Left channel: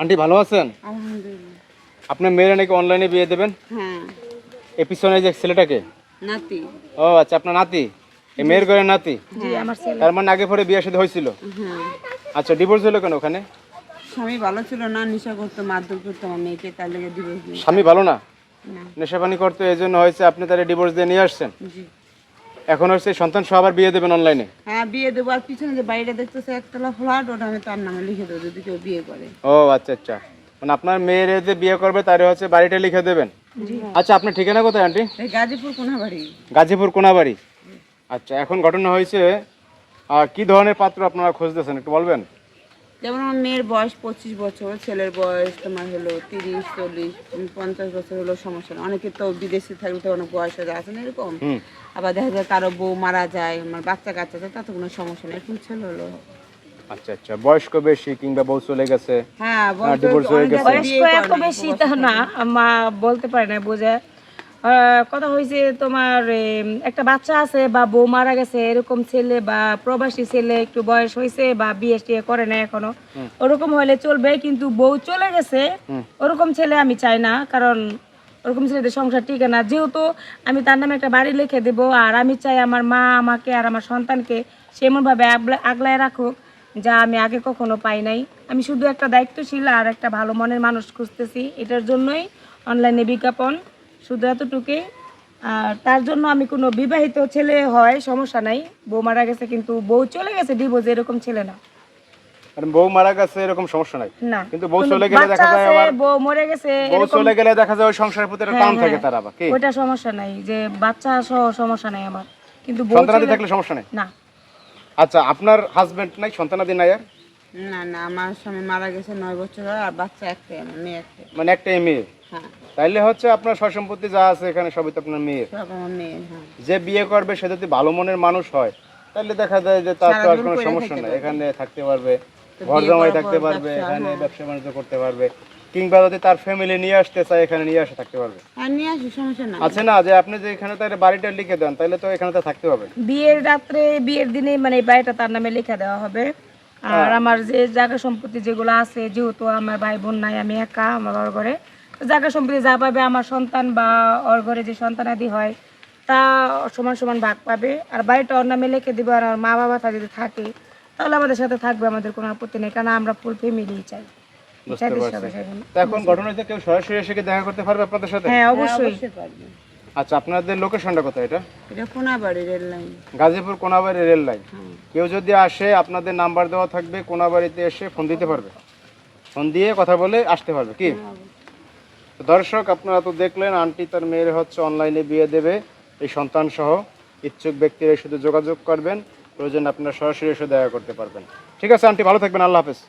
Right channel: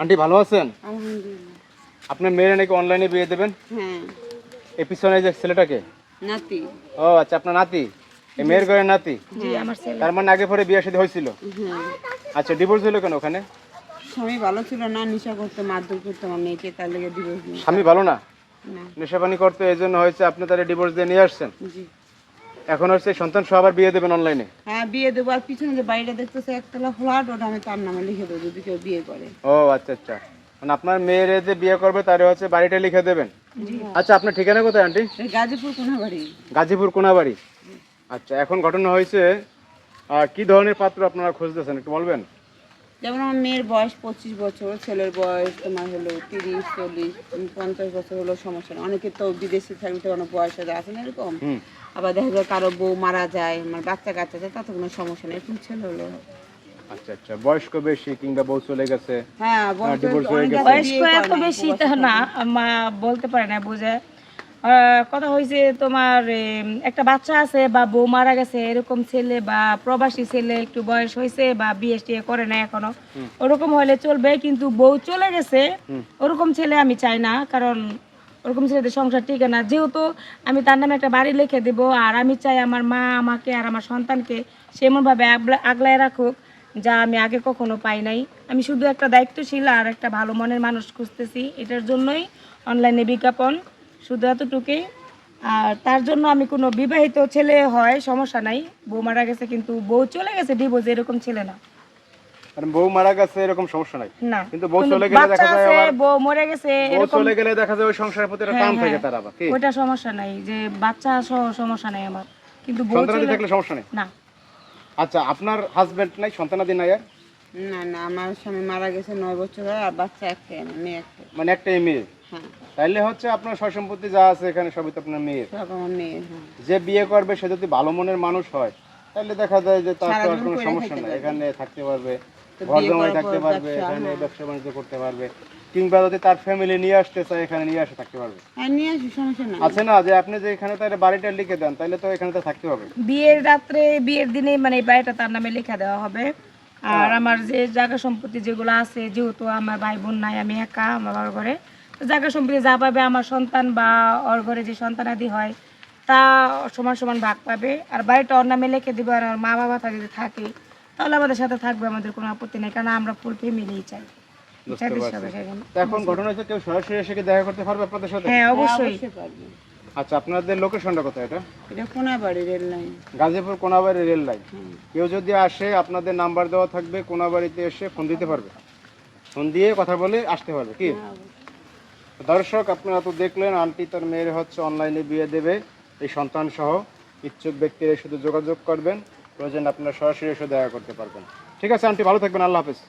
Aunty ভালো আছেন? আলহামদুলিল্লাহ। আপনার মেয়ের নাকি অনলাইনে বিয়ে দেবেন? হ্যাঁ, এই পিছনে যে ছেলেটাকে? নাতি। ও আচ্ছা, আপনার নাতি, এই মেয়ের ঘরের নাতি। জি, আমার ছেলে। তার মানে আগে পরে বিয়ে শাদী হয়েছিল? হ্যাঁ, আচ্ছা, ডিভোর্স হলো কেন ওখানে? স্বামী ভালো ছিল না, নেশা করতো, মারধর করতো আমার মেয়েকে, তার লেগে ডিভোর্স নিয়ে। স্বামী ভালো না, না, নেশাপানি করতো, এই জন্য হয়েছে, আপনি তাহলে ডিভোর্স দিয়ে নিয়ে আসছেন। জি। এখন হচ্ছে সন্তান সহ আবার বিয়ে দেবেন অনলাইনে? হ্যাঁ, বিয়ে দেবো। আর পিছনে যে বাড়িটা দেখতেছে একতলা ফ্ল্যাট, ওটা আমি তার নামে লিখে দেবো যদি কেউ বিয়ে করে। ও আচ্ছা আচ্ছা, মানে আপনার মেয়ের যে বিয়ে করবে তারে হচ্ছে বাড়িটা লিখে দেবেন? জি। আচ্ছা, আপনার ঠিকানা কোথায় আন্টি? এই গাজীপুর কোনাবাড়ি। গাজীপুর কোনাবাড়ি। আচ্ছা, এখন ঘটনা হয়েছে, কি ধরনের পাত্র আপনারা খুঁজতেছেন একটু বলবেন? যেমন আমার মেয়ের বয়স 25 বছর, ছেলের বয়স তোমার হলো 30, 40, 50 বছর হলো, সমস্যা না। অনেকে তো বিদেশে থাকতে অনেক বয়স হয়ে আছে না এরকম। হুম। আবার দেখা যায় কারো বউ মারা যায়, আমার বাচ্চা কাচ্চা যায়, তাতে কোনো সমস্যা নেই। এরকম ছেলে হলো। আচ্ছা আচ্ছা, বয়স্ক বেশি কিংবা বউ চলে গেছে? হ্যাঁ, divorce হয়ে গেছে। বয়স্ক এত বেশি তা না, মা বলতে পারে না, বুঝে। কথা হয়েছে তোমার একটা বাচ্চা আছে বা বউ মারা গেছে, এরকম ছেলে বা প্রবাসী ছেলে একটু বয়স হয়েছে বা বিয়ে টিয়ে করে না এখনো, ওরকম হলে চলবে। কিন্তু বউ চলে গেছে ওরকম ছেলে আমি চাই না, কারণ ওরকম ছেলেদের সংসার টিকে না। যেহেতু আমি তার নামে একটা বাড়ি লিখে দেবো, আর আমি চাই আমার মা আমাকে আর আমার সন্তানকে সেমনভাবে আগলায় রাখুক যা আমি আগে কখনো পাই নাই। আমি শুধু একটা দায়িত্বশীল আর একটা ভালো মনের মানুষ খুঁজতেছি, এটার জন্যই অনলাইনে বিজ্ঞাপন, শুধু এতটুকুই। আর তার জন্য আমি কোনো বিবাহিত ছেলে হয় সমস্যা নাই, বউ মারা গেছে কিন্তু বউ চলে গেছে ডিভোর্স, এরকম ছেলে না। কারণ বউ মারা গেছে এরকম সমস্যা নাই, না, কিন্তু বউ কোনো চলে গেলে বাচ্চা দেখা যায় আছে, আবার, বউ মরে গেছে বউ এরকম, চলে গেলে দেখা যায় ওই সংসারের প্রতি একটা টান হ্যাঁ, থাকে তার আবার কি? ওইটা সমস্যা নাই, যে বাচ্চা সহ সমস্যা নাই আমার, কিন্তু বউ সন্তানাদি চলে থাকলে সমস্যা নেই? না। আচ্ছা, আপনার হাজবেন্ড নাই, সন্তানাদি নাই আর? না না, আমার স্বামী মারা গেছে 9 বছর হয়, আর বাচ্চা একটাই, আমার মেয়ে একটাই। মানে একটাই মেয়ে? হ্যাঁ, তাইলে হচ্ছে আপনার সয়-সম্পত্তি যা আছে এখানে সবই তো আপনার মেয়ের। সব আমার মেয়ে। হ্যাঁ, যে বিয়ে করবে সে যদি ভালো মনের মানুষ হয় তাহলে দেখা যায় যে তার তো আর সারাজীবন কোনো পইড়া সমস্যা থাকতে নেই, পারবে। এখানে থাকতে পারবে, তো ঘর বিয়ে জামাই করার থাকতে পর পারবে, ব্যবসা, এখানে হ্যাঁ। ব্যবসা বাণিজ্য করতে পারবে, কিংবা যদি তার ফ্যামিলি নিয়ে আসতে চায় এখানে নিয়ে আসে থাকতে পারবে। আর নিয়ে আসি, সমস্যা নাই। আছে না যে আপনি যে এখানে তার বাড়িটা লিখে দেন তাহলে তো এখানে তো থাকতে হবে। বিয়ের রাত্রে, বিয়ের দিনে মানে এই বাড়িটা তার নামে লেখা দেওয়া হবে। আর আমার যে জায়গা সম্পত্তি যেগুলো আছে, যেহেতু আমার ভাই বোন নাই, আমি একা আমার বাবার ঘরে, তো জায়গা সম্পত্তি যা পাবে আমার সন্তান বা ওর ঘরে যে সন্তানাদি হয় তা সমান সমান ভাগ পাবে। আর বাড়িটা ওর নামে লিখে দিব, আর আমার মা বাবা তা যদি থাকে তাহলে আমাদের সাথে থাকবে, আমাদের কোনো আপত্তি নেই, কারণ আমরা ফুল ফ্যামিলি চাই। বুঝতে চাইতে পারছি। সবাই সেখানে। তো এখন ঘটনা হচ্ছে কেউ সরাসরি এসে কি দেখা করতে পারবে আপনাদের সাথে? হ্যাঁ, হ্যাঁ, অবশ্যই। অবশ্যই পারবে। আচ্ছা, আপনাদের লোকেশনটা কোথায় এটা? এটা Konabari rail line. Gazipur Konabari rail line. হুম। কেউ যদি আসে আপনাদের নাম্বার দেওয়া থাকবে, কোনাবাড়িতে এসে ফোন দিতে পারবে, ফোন দিয়ে কথা বলে আসতে পারবে কি? দর্শক, আপনারা তো দেখলেন আন্টি তার মেয়ের হচ্ছে অনলাইনে বিয়ে দেবে, এই সন্তান সহ। ইচ্ছুক ব্যক্তিরা শুধু যোগাযোগ করবেন, প্রয়োজন আপনারা সরাসরি এসে দেখা করতে পারবেন। ঠিক আছে আন্টি, ভালো থাকবেন, আল্লাহ হাফেজ।